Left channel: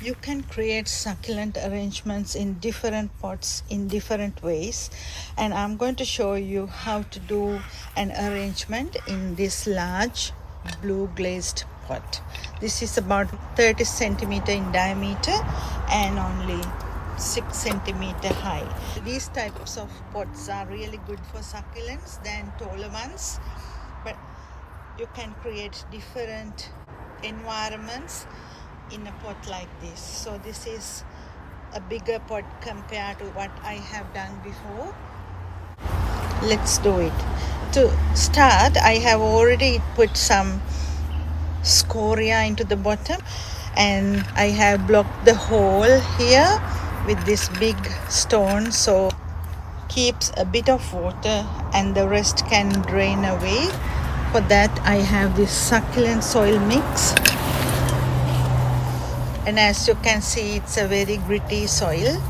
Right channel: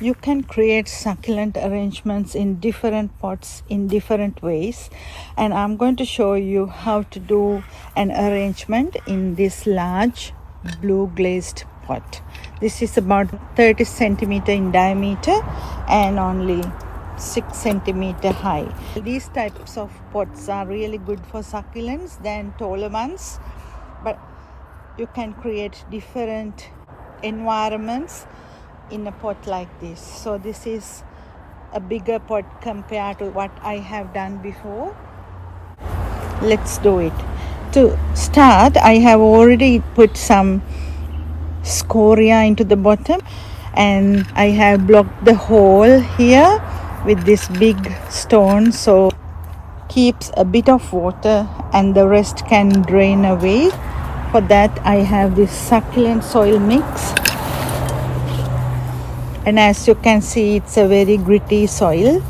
You can create succulent arrangements in different pots in different ways, and I'm going to show you how to do an arrangement in this large blue glazed pot. This is about 30 centimeter in diameter and only 6 centimeter high. These types of pots are really good for succulents than taller ones, but you can create different environments in a pot like this. So this is a bigger pot compared to what I have done before. Let's do it. To start, I have already put some scoria into the bottom, and I have blocked the hole here with this big stone, so keeps a bit of water and the rest can drain away. For that I have this succulent soil mix, and as you can see, it's a very gritty soil.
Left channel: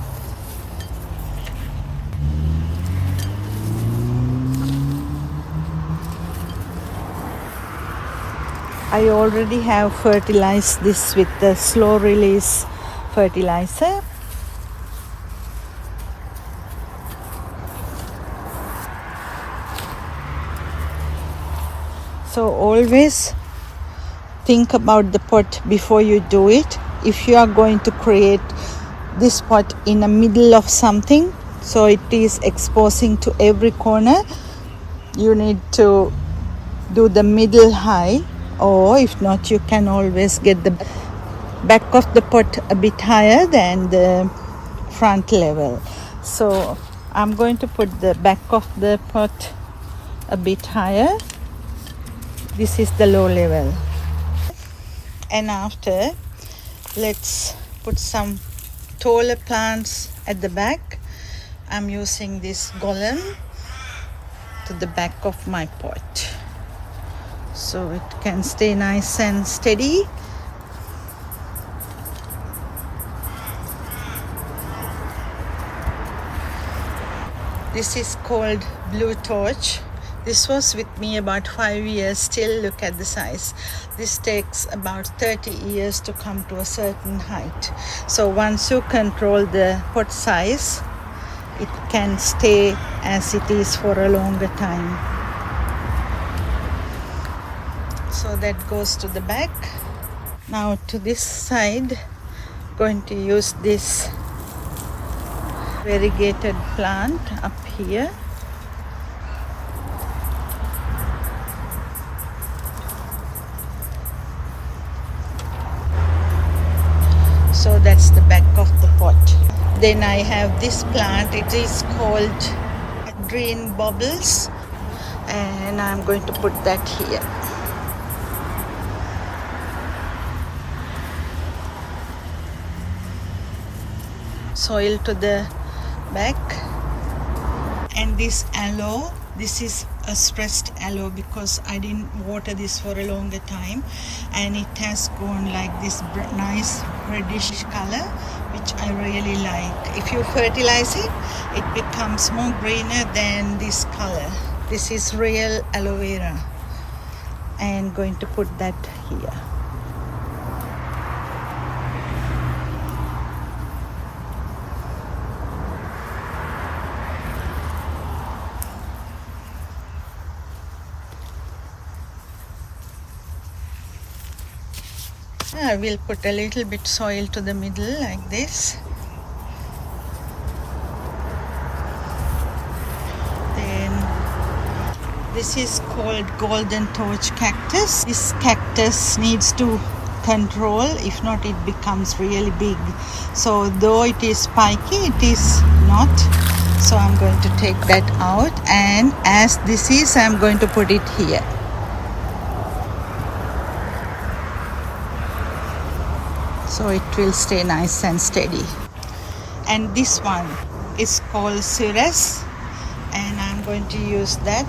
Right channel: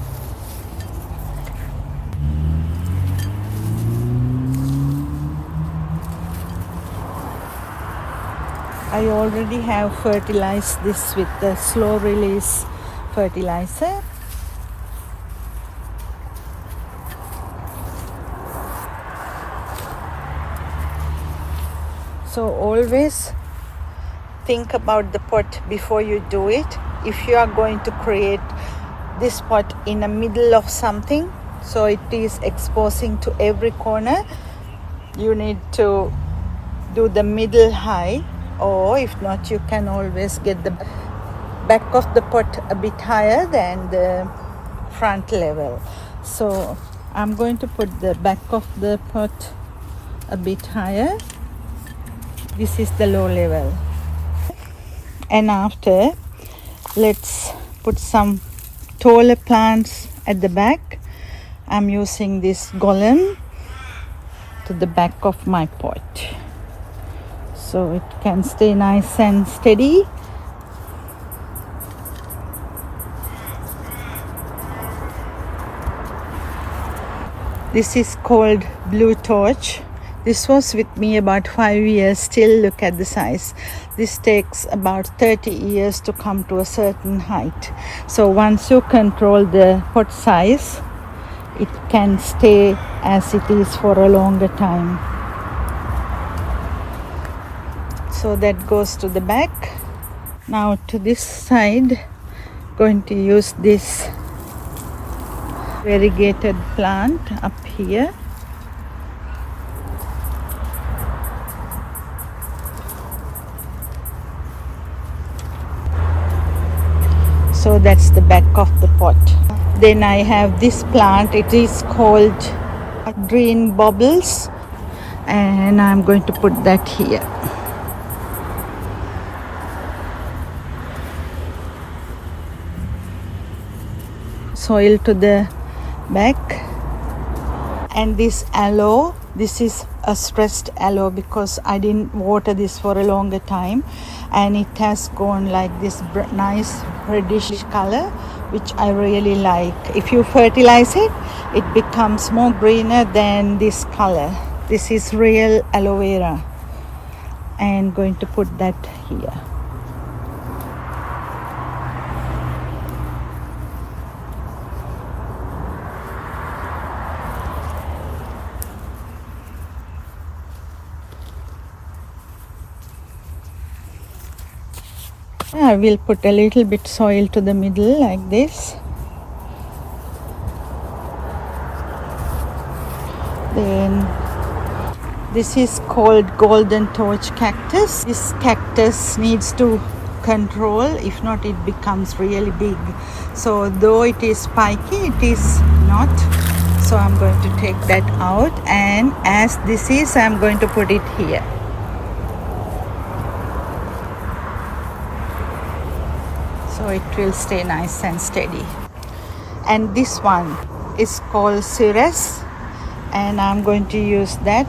I already have fertilized this with the slow release fertilizer. So always think about the pot before you do it. If you are going to create this pot in the middle of something, so it is exposing to every corner, you need to do the middle high, or if not, you can always get the back of the pot a bit higher than the front level. So I'm going to put the back of the pot a bit higher. This is the low level. And after, let's put some taller plants at the back. I'm using this golem to the back of my pot, so it can stay nice and steady. This is called Blue Torch. This was with me about 5 years. Still, look at the size. This takes about 30 years to come to a certain height. So once you control the pot size, it can stay as it is for a longer time. So that goes to the back. Now to this side, going to use this variegated plant up here. So that's the back of the pot. Then I have this plant. It is called green bubbles, and I'm going to put that here. Soil to the back. And this aloe, this is a stressed aloe because I didn't water this for a longer time, and it has gone like this nice reddish color, which I really like. If you fertilize it, it becomes more greener than this color. This is real aloe vera, and going to put that here. I will put a little bit soil to the middle like this. Then this is called golden torch cactus. This cactus needs to control, if not it becomes really big. So though it is spiky, it is not. So I'm going to take that out, and as this is, I'm going to put it here. So it will stay nice and steady. And this one is called Ceres, and I'm going to use that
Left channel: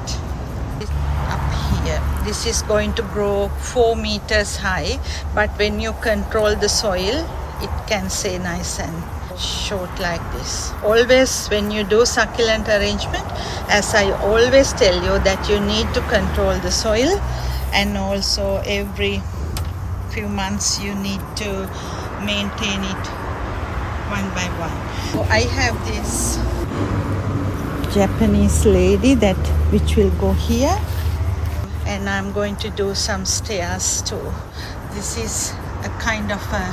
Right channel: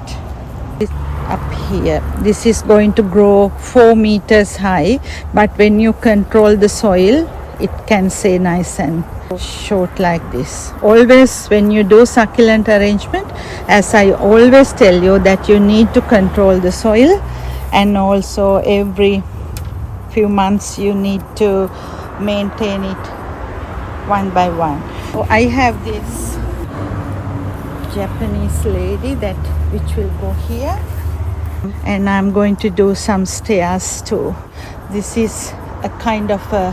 up here. This is going to grow 4 meters high, but when you control the soil, it can stay nice and short like this. Always when you do succulent arrangement, as I always tell you, that you need to control the soil, and also every few months you need to maintain it one by one. So I have this Japanese lady that which will go here, and I'm going to do some stairs too. This is a kind of a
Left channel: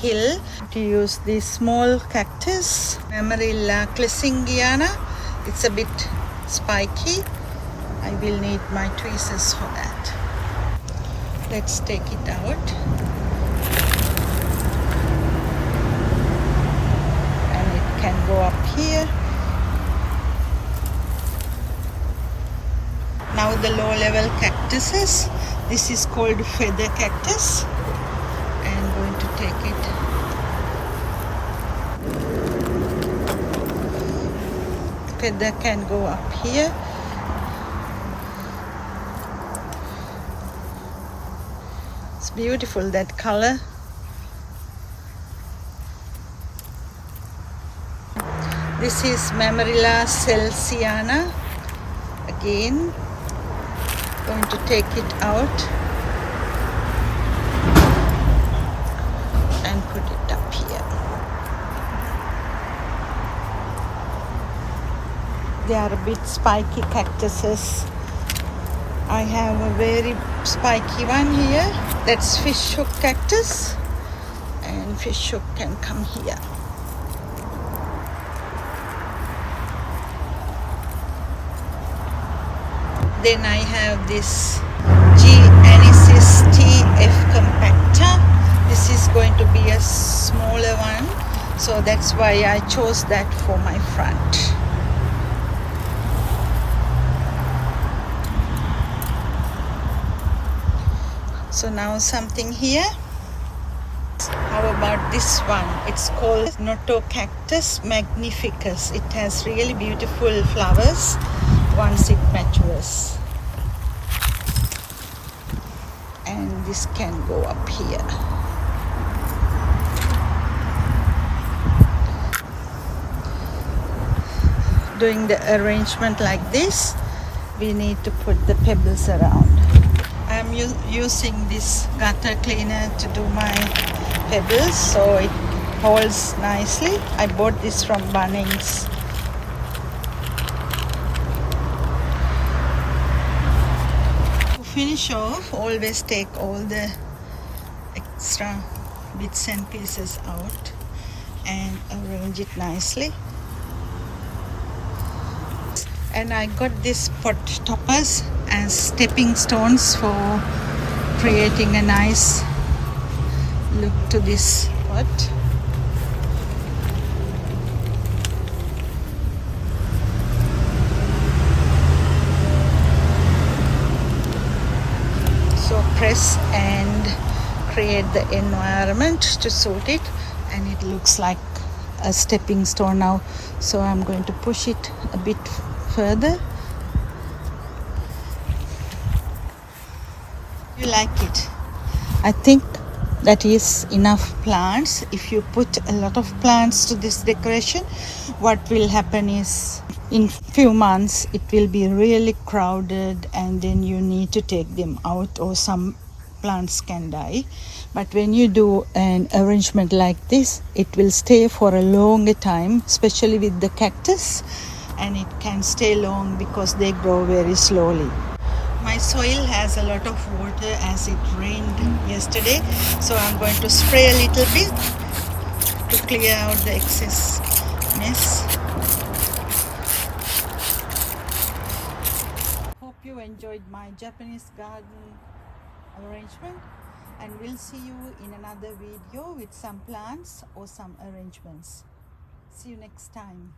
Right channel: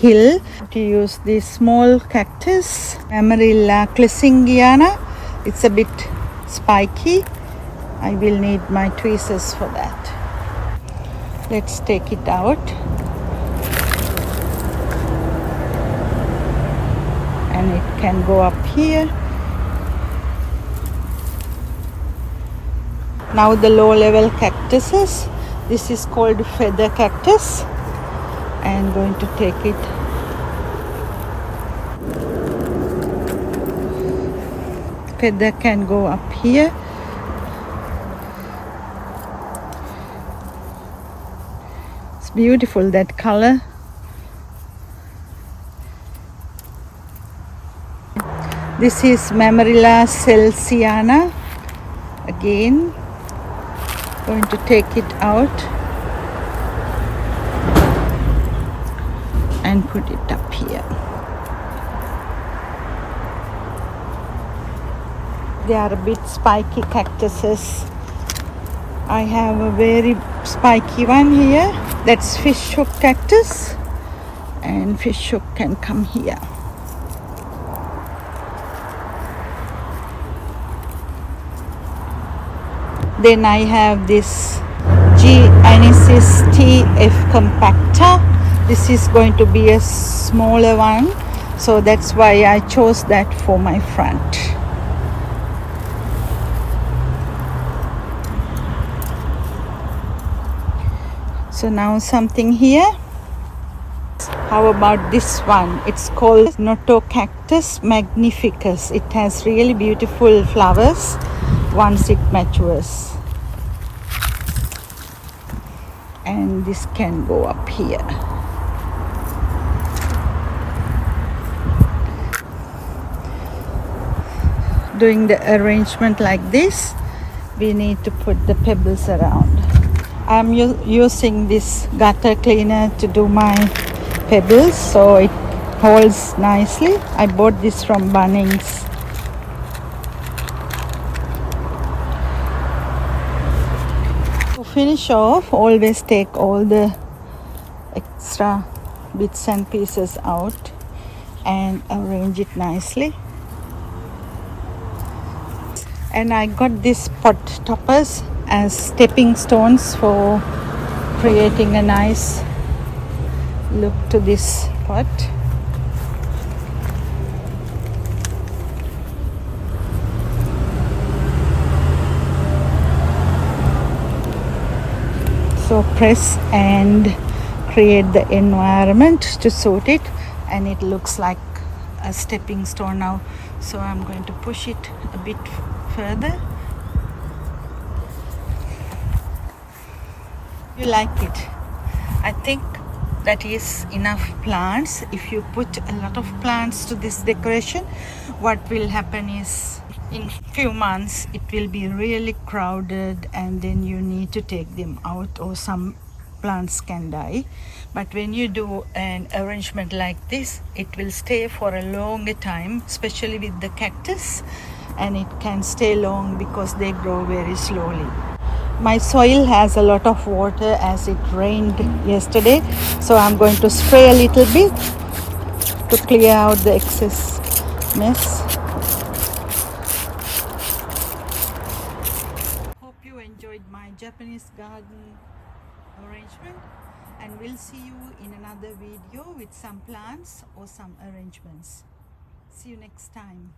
hill. To use this small cactus, Amarilla clissingiana. It's a bit spiky. I will need my tweezers for that. Let's take it out. And it can go up here. Now the low level cactuses. This is called feather cactus. I'm going to take it. Feather can go up here. It's beautiful, that color. This is Mamarilla celsiana. Again, going to take it out and put it up here. They are a bit spiky cactuses. I have a very spiky one here. That's fishhook cactus, and fishhook can come here. Then I have this G. Anisis TF compacta. This is going to be a smaller one, so that's why I chose that for my front. So now something here. How about this one? It's called Notocactus magnificus. It has really beautiful flowers once it matures. And this can go up here. Doing the arrangement like this, we need to put the pebbles around. I'm using this gutter cleaner to do my pebbles, so it holds nicely. I bought this from Bunnings. To finish off, always take all the extra bits and pieces out and arrange it nicely. And I got these pot toppers as stepping stones for creating a nice look to this pot. So press and create the environment to suit it, and it looks like a stepping stone now. So I'm going to push it a bit further. You like it? I think that is enough plants. If you put a lot of plants to this decoration, what will happen is in few months it will be really crowded, and then you need to take them out, or some plants can die. But when you do an arrangement like this, it will stay for a longer time, especially with the cactus, and it can stay long because they grow very slowly. My soil has a lot of water as it rained yesterday, so I'm going to spray a little bit to clear out the excess mess. Hope you enjoyed my Japanese garden arrangement, and we'll see you in another video with some plants or some arrangements. See you next time.